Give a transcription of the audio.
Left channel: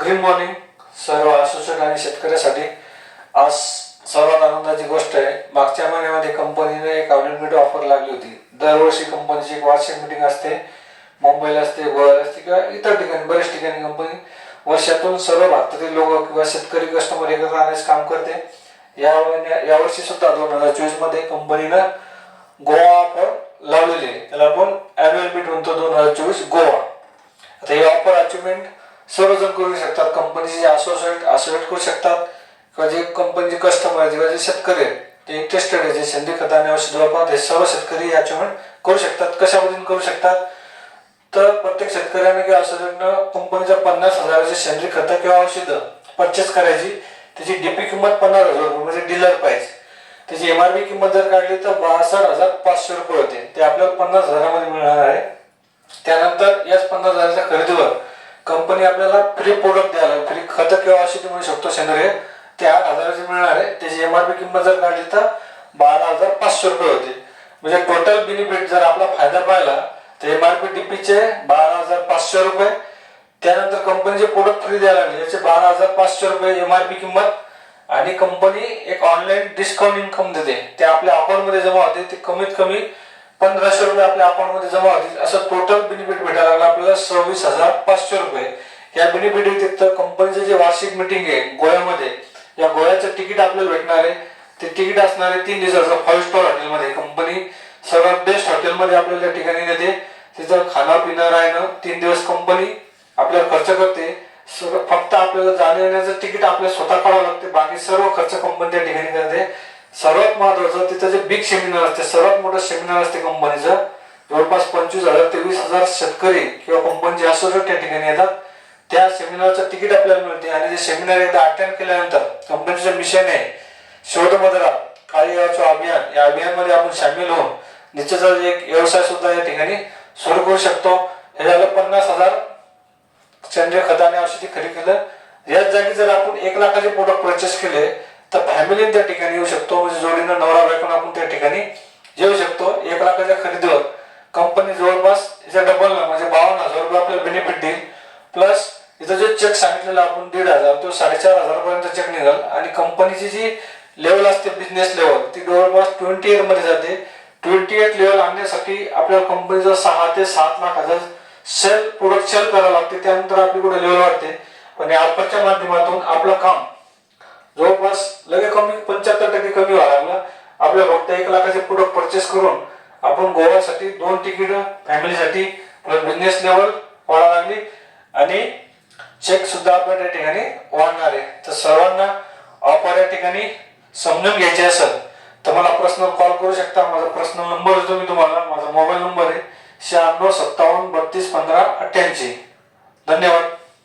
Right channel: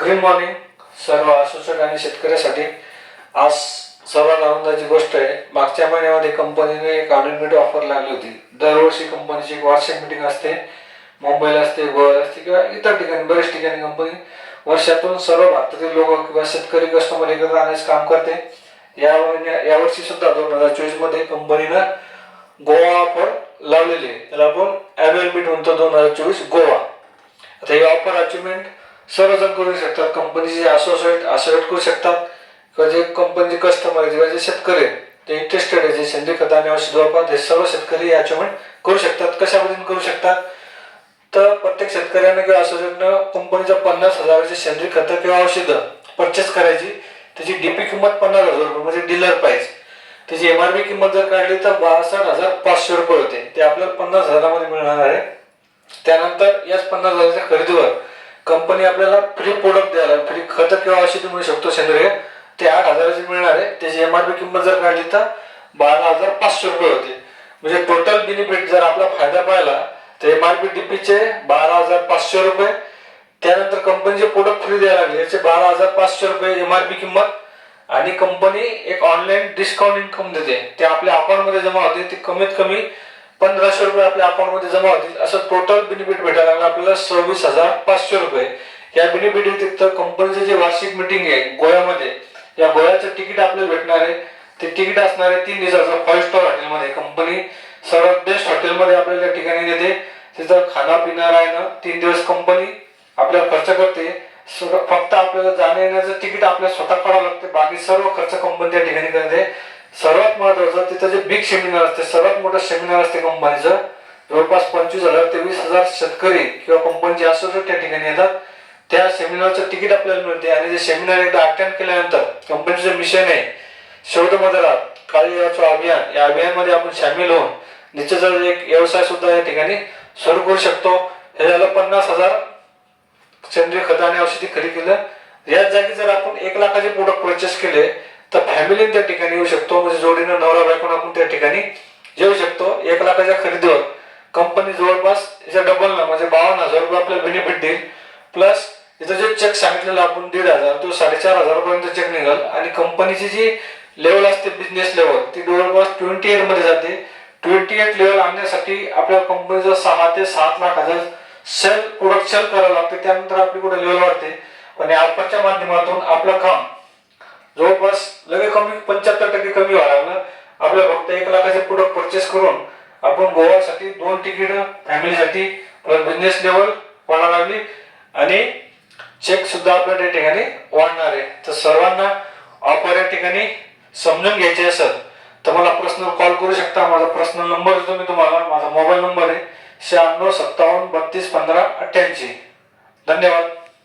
Green morning सर्व associate आणि शेतकऱ्यासाठी आज सर्वात आनंदाची गोष्ट आहे मागच्या महिन्यामध्ये कंपनीने एक ऑडिट ऑफर लागली होती. दरवर्षी कंपनीची एक वार्षिक मीटिंग असते. मुंबईला असते गोव्याला असते किंवा इतर ठिकाणी बऱ्याच ठिकाणी कंपनी वर्षातून सर्व भारतातील लोक किंवा शेतकरी कस्टमर एकत्र आणण्याचे काम करते. या यावर्षी सुद्धा दोन हजार चोवीसमध्ये कंपनीनं गोवा ऑफर लावलेली आहे. त्याला आपण अॅन्युअल मीट म्हणतो दोन हजार चोवीस गोवा. आता ही ऑफर अचिव्हमेंट सर्वजण करू शकतात कंपनीचे असोसिएट असोसिएट करू शकतात किंवा जे कंपनीचे कस्टमर किंवा जे शेतकरी आहेत ते इंटरेस्टेड आहे जे सेंद्रिय खत आणि औषध हे सर्व शेतकरी अचिव्हमेंट करू शकतात. कशा पद्धतीने करू शकतात? तर प्रत्येक शेतकऱ्याने किंवा असोसिएटनं कंपनीच्या पन्नास हजाराचे सेंद्रिय खतं किंवा औषधं परचेस करायची. त्याची डीपी किंमत पन्नास हजार रुपये म्हणजे डीलर प्राईस त्याची एम आर पी किंमत जर काढली तर बासष्ट हजार पाचशे रुपये होते. ते आपल्याला पन्नास हजारामध्ये मिळणार आहे. त्यानंतर याच पन्नास हजाराच्या खरेदीवर कंपनी आपल्याला फ्री प्रोडक्ट द्यायला फ्री खत किंवा औषधी मिळू शकतो सेंद्रिय. ते आठ हजाराची मिळणार आहे. त्याची एमआरपी किंमत जर काढली तर बारा हजार पाचशे रुपये होते. म्हणजे टोटल बेनिफिट जर आपला फायदा पाहिला तर एमआरपी डीपीचे बारा हजार पाचशे रुपये. त्यानंतर कंपनीचे प्रोडक्ट फ्री द्यायला लागले. याचे बारा हजार पाचशे रुपये एमआरपी किंमत. आणि कंपनी एक ऑनलाईन डिस्काउंट इन्कम देते. ते आपल्या अकाउंटमध्ये जमा होते. ते कमीत कमी पंधराशे रुपये आपल्या अकाउंटमध्ये जमा होतील. असं टोटल बेनिफिट भेटायला लागला. आपल्याला सव्वीस हजार पाचशे रुपये. या बेनिफिट व्यतिरिक्त कंपनीचे जे वार्षिक मिटिंग आहे गोव्यामध्ये या गोव्याचं तिकीट आपल्याला भेटणार आहे. ते तिकीट असणार आहे तीन दिवसाचं फाईव्ह स्टार हॉटेलमध्ये कंपनी सर्वात बेस्ट हॉटेलमध्ये आपल्याला त्या ठिकाणी देते तिथं खाणं पिणं राहणं तीन दिवस कंपनी आपल्याला खर्च करते. सगळं फक्त आपल्याला जाण्या येण्याचं तिकीट आपल्याला स्वतः काढावं लागते. बाकी सर्व खर्च कंपनी त्या ठिकाणी महत्वाचं तिथं जे बिग सेमिनार असते सर्वात मोठं सेमिनार असते कंपनीचं जवळपास पंचवीस हजार ते वीस हजार शेतकरी किंवा कंपनीचे असोसिएट त्या ठिकाणी येतात त्या सेमिनारचं तिकीट आपल्याला मिळते. आणि जे सेमिनार एकदा अटेंड केल्यानंतर कंपनीचं मिशन आहे शेवट मदरा काळी अभियान या अभियानमध्ये आपण सामील होऊन निश्चितच एक व्यवसाय सुद्धा या ठिकाणी सुरू करू शकतो. हे झालं पन्नास हजार सेंद्रिय खत आणि औषधी खरेदी केलं. याच जागी जर आपण एक लाखाचे प्रोडक्ट परचेस केले तर फॅमिलीने त्या ठिकाणी येऊ शकतो. म्हणजे जोडीनं नवरा बायकोन आपण त्या ठिकाणी येऊ शकतो. एक लाखाच्या खरेदीवर. कंपनी जवळपास याच्या डबल म्हणजे बावन्न हजार रुपये आपल्याला बेनिफिट देईल. प्लस इथं जे चेक सांगितलेला आपण दीड हजार तो साडेचार हजारापर्यंत चेक निघाल. आणि कंपनीची जी लेवल असते बिझनेस लेवल ती जवळपास ट्वेंटी एटमध्ये जाते. ट्वेंटी एट लेवल आणण्यासाठी आपल्या कंपनीचा सहा ते सात लाख हजार सेल प्रोडक्ट सेल करावं लागते. त्यानंतर आपली कुठे लेवल वाढते. पण या ऑफरच्या माध्यमातून आपलं काम जवळपास लगे कमी पंच्याहत्तर टक्के कमी व्हायला लागलं. आपल्या फक्त एक लाखाचे प्रोडक्ट परचेस करून आपण गोव्यासाठी दोन तिकीट फॅमिलीसाठी बिझनेस लेवल वाढायला लागली. आणि चेक सुद्धा आपल्या त्या ठिकाणी वाढणार आहे. तर सर्वांना ऑफर या ठिकाणी समजून घ्यायचे असेल तर मला पर्सनल कॉल करू शकता. माझा पर्सनल नंबर देतो मी तुम्हाला. माझा मोबाईल नंबर आहे शहाण्णव सत्तावन्न बत्तीस पंधरा अठ्ठ्याऐंशी. धन्यवाद.